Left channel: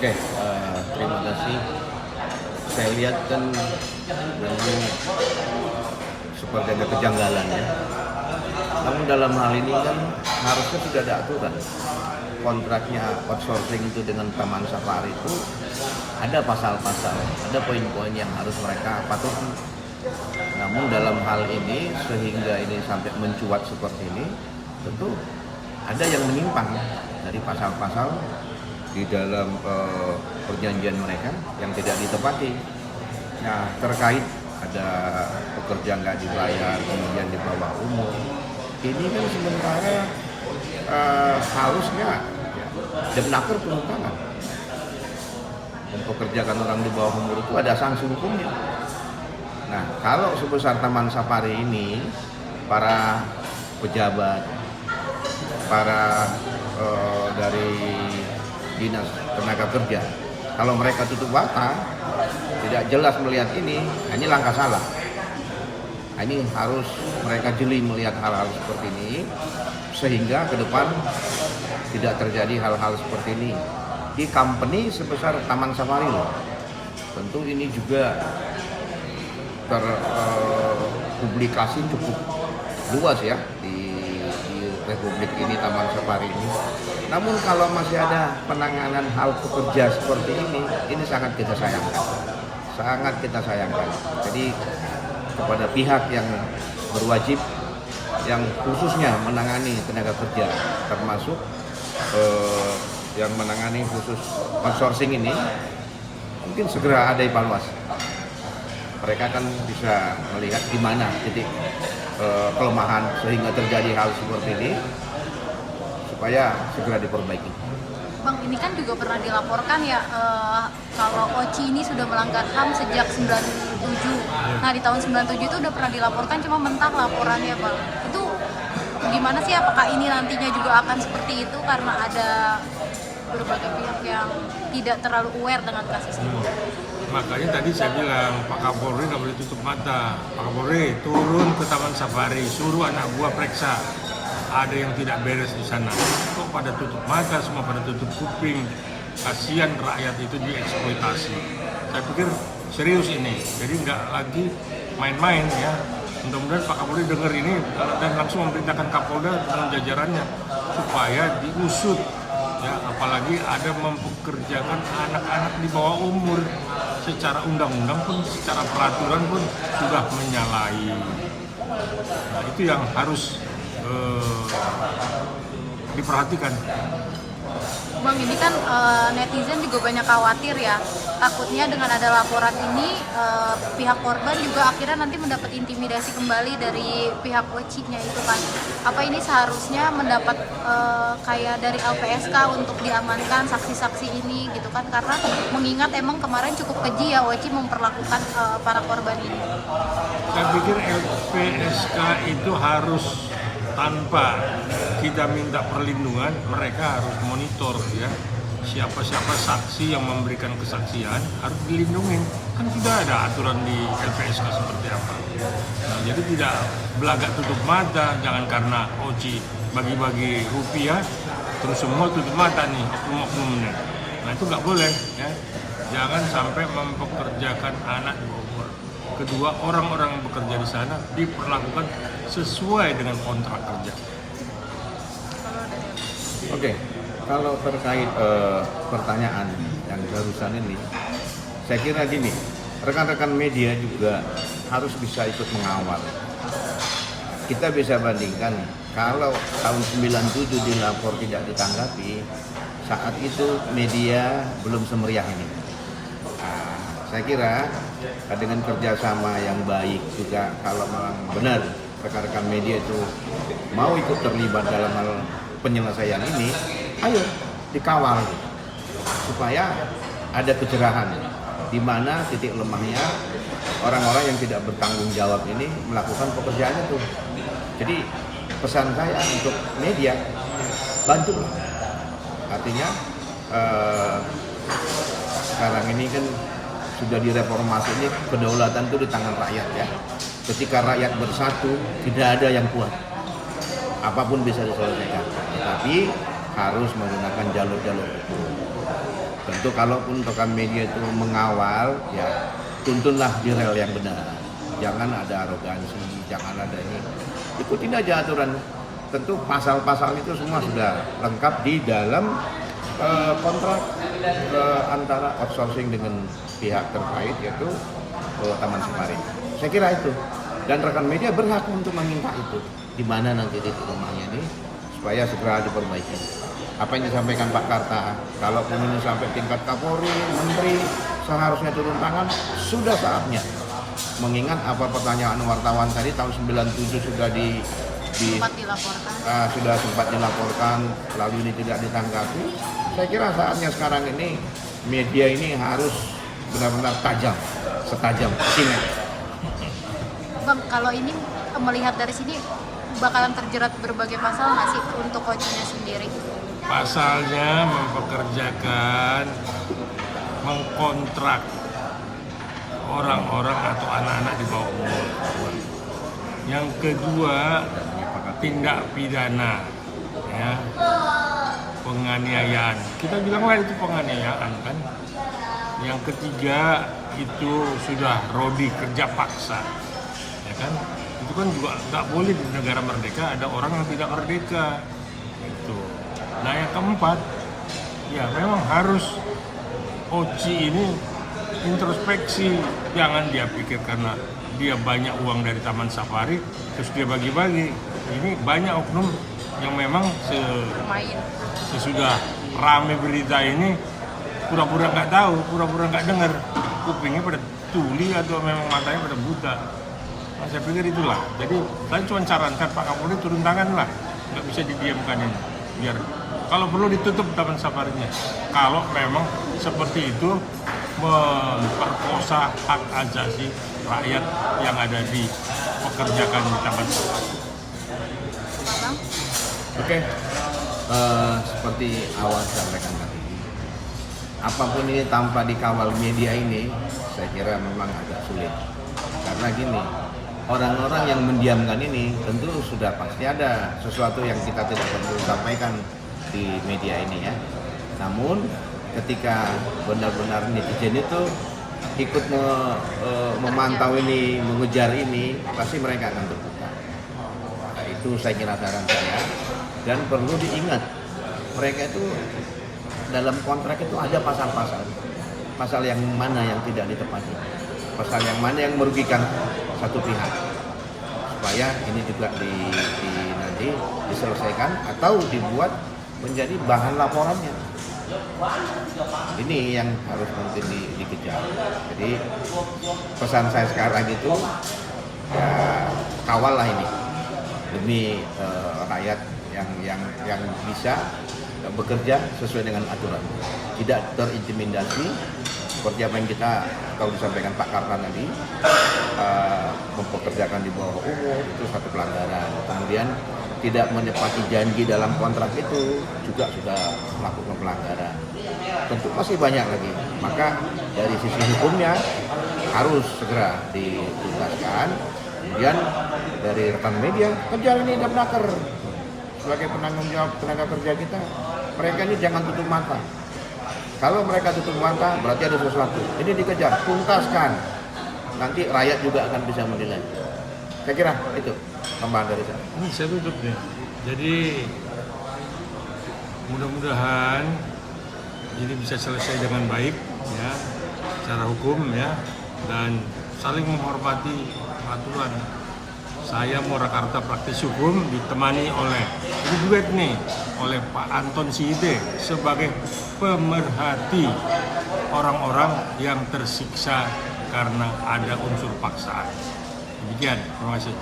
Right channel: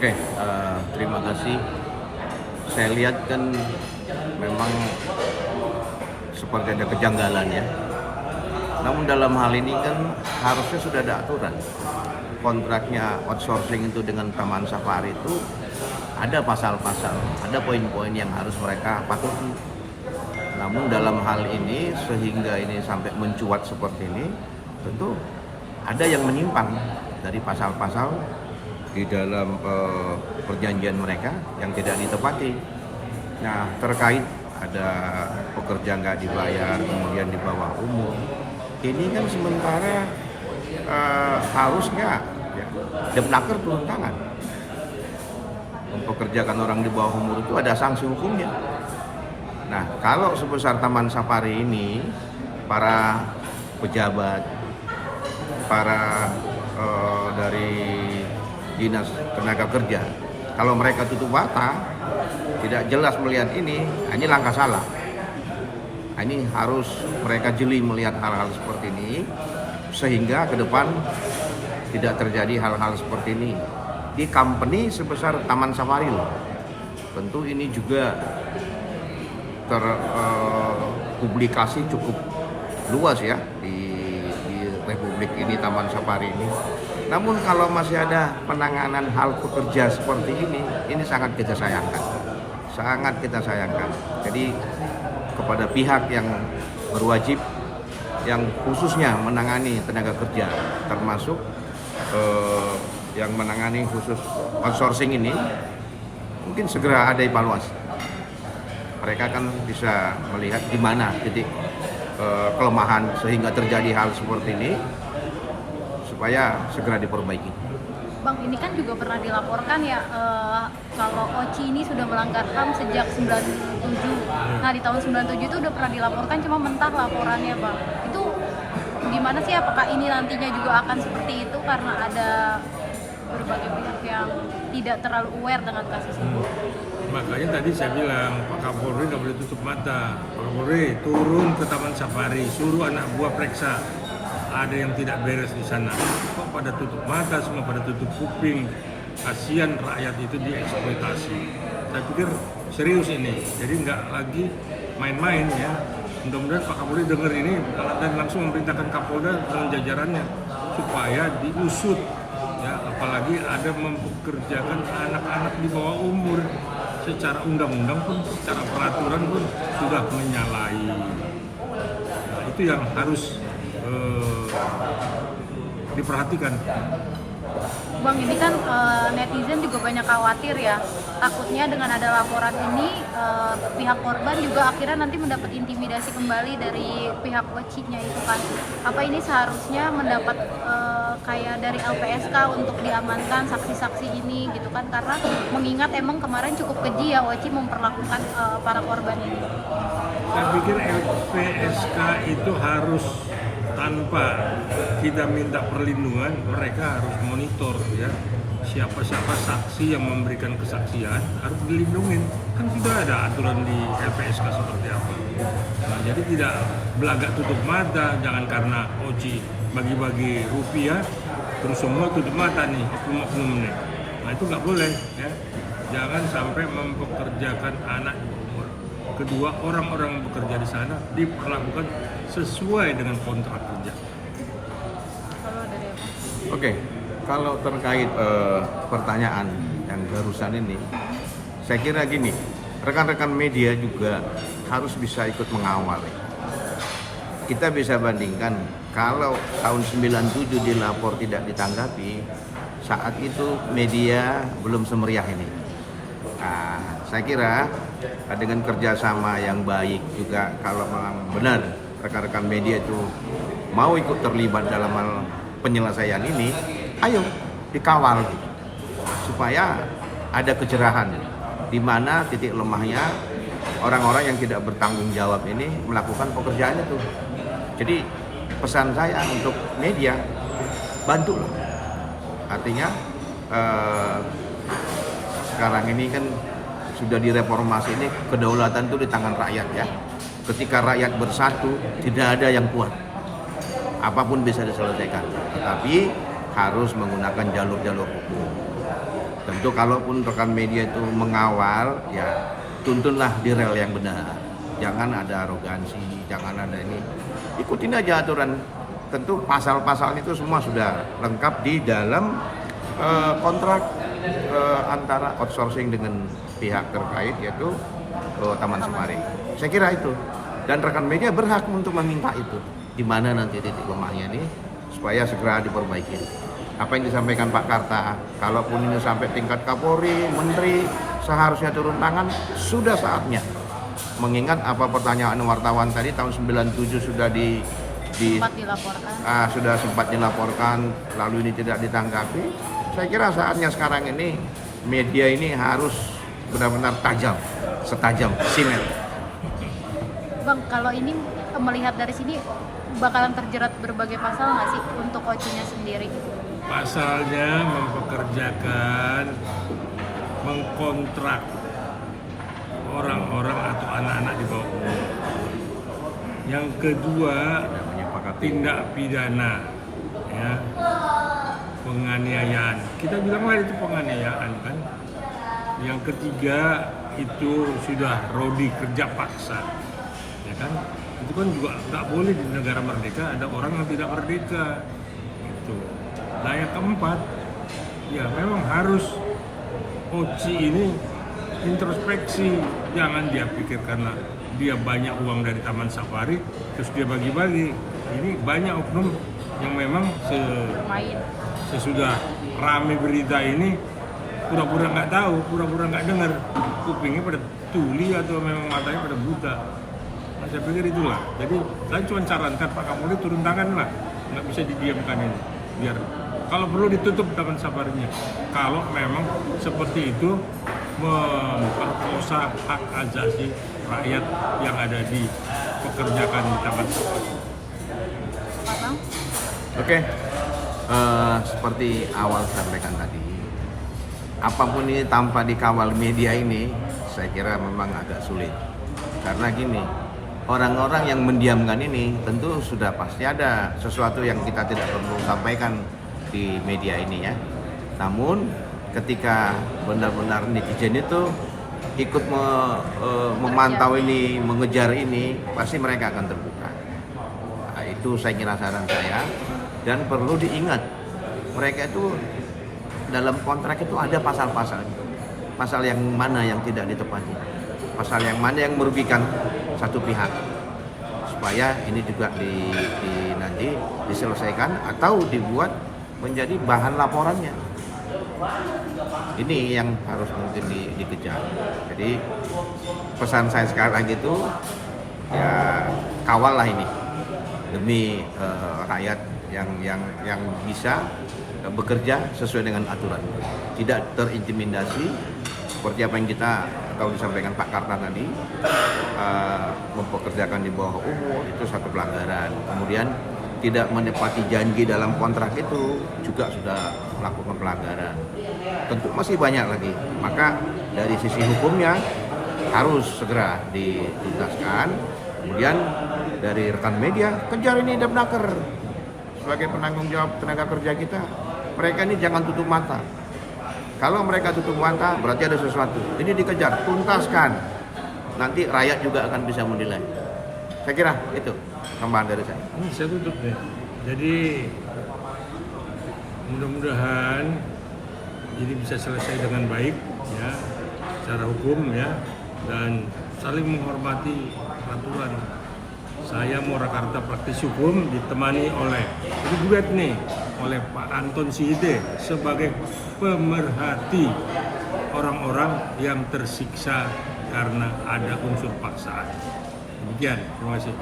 Oke, terima kasih. Saya lihat kan memang seperti ada kejanggalan ya. Namun dalam hal ini kan harusnya sudah ada aturan. Kontraknya outsourcing itu dengan Taman Safari itu ada pasal-pasal, ada poin-poin yang harus mereka patuhi. Namun dalam hal ini sehingga ini sampai mencuat seperti ini, tentu ada yang menyimpang dari pasal-pasal di dalam perjanjian mereka yang tidak ditepati. Nah, terkait ada pekerja nggak dibayar, kemudian di bawah umur, ini kan sementara harusnya ya, Depnaker turun tangan. Mempekerjakan orang di bawah umur itu ada sanksi hukumnya. Nah, kalau sebesar Taman Safari ini, para pejabat, para dari Dinas Tenaga Kerja, kalau mereka tutup mata, tidak jelas melihat ini langkah salah. Ini harus mereka jeli melihat hal-hal seperti ini, sehingga ke depan tidak terjadi hal-hal seperti ini di company sebesar Taman Safari loh. Tentu ini juga terpublikasi cukup luas ya di Republik ini, Taman Safari ini. Namun kalau masih ada penanganan hal pekerja seperti ini sangat kita sayangkan. Sangat kita sayangkan. Jadi kepada pihak yang berwajib, yang khususnya menangani tenaga kerja, termasuk yang menangani khusus outsourcing ini, mungkin segera ada evaluasi. Mereka kan bisa melihat di mana titik kelemahan sehingga terjadi hal seperti ini, supaya segera diperbaiki. Bang, ini kan juga pernah dilaporkan ya kalau Oci ini sudah melanggar HAM sejak 97. Nah, di tahun 97 itu udah pernah dilaporkan, cuma mentah laporannya, Bang. Itu gimana sih, apakah ini nantinya juga akan seperti itu karena ada berbagai pihak yang tidak terlalu aware dengan kasus ini? Makanya tadi saya bilang, Pak Kapolri nggak boleh tutup mata. Pak Kapolri turun ke Taman Safari, suruh anak buah periksa. Ada yang tidak beres di sana. Kok pada tutup mata, semua pada tutup kuping. Kasihan rakyat itu dieksploitasi. Saya pikir serius ini, jadi nggak lagi main-main ya. Mudah-mudahan Pak Kapolri dengar ini dan langsung memerintahkan Kapolda dan jajarannya supaya diusut. Ya, apalagi ada mempekerjakan anak-anak di bawah umur. Secara undang-undang pun, secara peraturan pun sudah menyalahi. Nah, itu yang harus diperhatikan. Bang, ini kan netizen juga banyak khawatir ya, takutnya dengan ada laporan ini pihak korban juga akhirnya nanti mendapat intimidasi kembali dari pihak Oci-nya itu kan. Apa ini seharusnya mendapat kayak dari LPSK untuk diamankan saksi-saksi ini gitu kan, karena mengingat emang kemarin cukup keji ya Oci memperlakukan para korban ini. Saya pikir LPSK itu harus, tanpa kita minta perlindungan, mereka harus monitor ya, siapa-siapa saksi yang memberikan kesaksian harus dilindungi. Kan sudah ada aturan di LPSK seperti apa. Nah, jadi tidak belagak tutup mata, jangan karena Oci bagi-bagi rupiah terus semua tutup mata nih oknum-oknum ini. Nah, itu nggak boleh ya. Jangan sampai mempekerjakan anak. Kedua, orang-orang yang bekerja di sana diperlakukan sesuai dengan kontrak kerja. Kalau dari apa? Oke, kalau terkait pertanyaan yang barusan ini, saya kira gini, rekan-rekan media juga harus bisa ikut mengawal. Kita bisa bandingkan, kalau tahun 97 dilapor tidak ditanggapi, saat itu media belum semeriah ini. Nah, saya kira dengan kerjasama yang baik juga, kalau memang benar rekan-rekan media itu mau ikut terlibat dalam hal penyelesaian ini, ayo dikawal supaya ada kejerahan di mana titik lemahnya orang-orang yang tidak bertanggung jawab ini melakukan pekerjaan itu. Jadi pesan saya untuk media, bantulah. Artinya sekarang ini kan sudah direformasi, ini kedaulatan itu di tangan rakyat ya. Ketika rakyat bersatu, tidak ada yang kuat. Apapun bisa diselesaikan, tetapi harus menggunakan jalur-jalur hukum. Tentu kalaupun rekan media itu mengawal, ya tuntunlah di rel yang benar. Jangan ada arogansi, jangan ada ini. Ikutin aja aturan. Tentu pasal-pasal itu semua sudah lengkap di dalam kontrak antara outsourcing dengan pihak terkait, yaitu Taman Safari. Saya kira itu. Dan rekan media berhak untuk meminta itu. Di mana nanti titik lemahnya ini supaya segera diperbaiki. Apa yang disampaikan Pak Karta, kalaupun ini sampai tingkat Kapolri, Menteri, seharusnya turun tangan, sudah saatnya. Mengingat apa pertanyaan wartawan tadi, tahun 97 sudah Sempat dilaporkan. sudah sempat dilaporkan, lalu ini tidak ditanggapi. Saya kira saatnya sekarang ini, media ini harus benar-benar tajam, setajam sinet. Bang, kalau ini melihat dari sini bakalan terjerat berbagai pasal nggak sih untuk coachnya sendiri? Pasalnya mempekerjakan, mengkontrak orang-orang atau anak-anak di bawah umur. Yang kedua, tindak pidana, ya, penganiayaan. Kita bilang lah itu penganiayaan kan. Yang ketiga itu sudah rodi kerja paksa, ya kan? Itu kan juga nggak boleh di negara merdeka ada orang yang tidak merdeka. Itu. Nah yang keempat, ya memang harus Oci ini introspeksi, jangan dia pikir karena dia banyak uang dari Taman Safari terus dia bagi-bagi. Ini banyak oknum yang memang Bermain. sesudah rame berita ini pura-pura nggak tahu, pura-pura nggak dengar, kupingnya pada tuli atau memang matanya pada buta. Nah, saya pikir itulah. Jadi saya cuma sarankan Pak Kapolri turun tangan lah, nggak bisa didiamkan ini. Biar kalau perlu ditutup Taman Safarinya. Kalau memang seperti itu memperkosa hak asasi rakyat yang ada di pekerjaan Taman Safari. Pak Bang? Oke, seperti awal saya sampaikan tadi, apapun ini tanpa dikawal media ini, saya kira memang agak sulit. Karena gini, orang-orang yang mendiamkan ini tentu sudah pasti ada sesuatu yang kita tidak perlu sampaikan di media ini ya. Namun ketika benar-benar netizen itu ikut memantau ini, mengejar ini, pasti mereka akan terbuka. Nah, itu saya kira saran saya. Dan perlu diingat, mereka itu dalam kontrak itu ada pasal-pasal. Pasal yang mana yang tidak ditepati, pasal yang mana yang merugikan satu pihak, supaya ini juga nanti diselesaikan atau dibuat menjadi bahan laporannya. Ini yang harus mungkin dikejar. Jadi pesan saya sekarang itu ya kawallah ini demi rakyat yang bisa bekerja sesuai dengan aturan, tidak terintimidasi seperti apa yang kita tahu disampaikan Pak Karta tadi, mempekerjakan di bawah umur itu satu pelanggaran. Kemudian tidak menepati janji dalam kontrak itu juga sudah melakukan pelanggaran. Tentu masih banyak lagi. Maka dari sisi hukumnya harus segera dituntaskan. Kemudian dari rekan media kejar ini Dapnaker sebagai penanggung jawab tenaga kerja kita. Mereka ini jangan tutup mata. Kalau mereka tutup mata berarti ada sesuatu. Ini dikejar, tuntaskan. Nanti rakyat juga akan bisa menilai. Saya kira itu tambahan dari saya. Saya tutup ya. Jadi mudah-mudahan ini bisa selesai dengan baik ya, secara hukum ya, dan saling menghormati aturan. Saya Murakarta praktis hukum ditemani oleh ini duet nih oleh Pak Anton Siite sebagai pemerhati orang-orang yang tersiksa karena ada unsur paksaan. Demikian, terima kasih.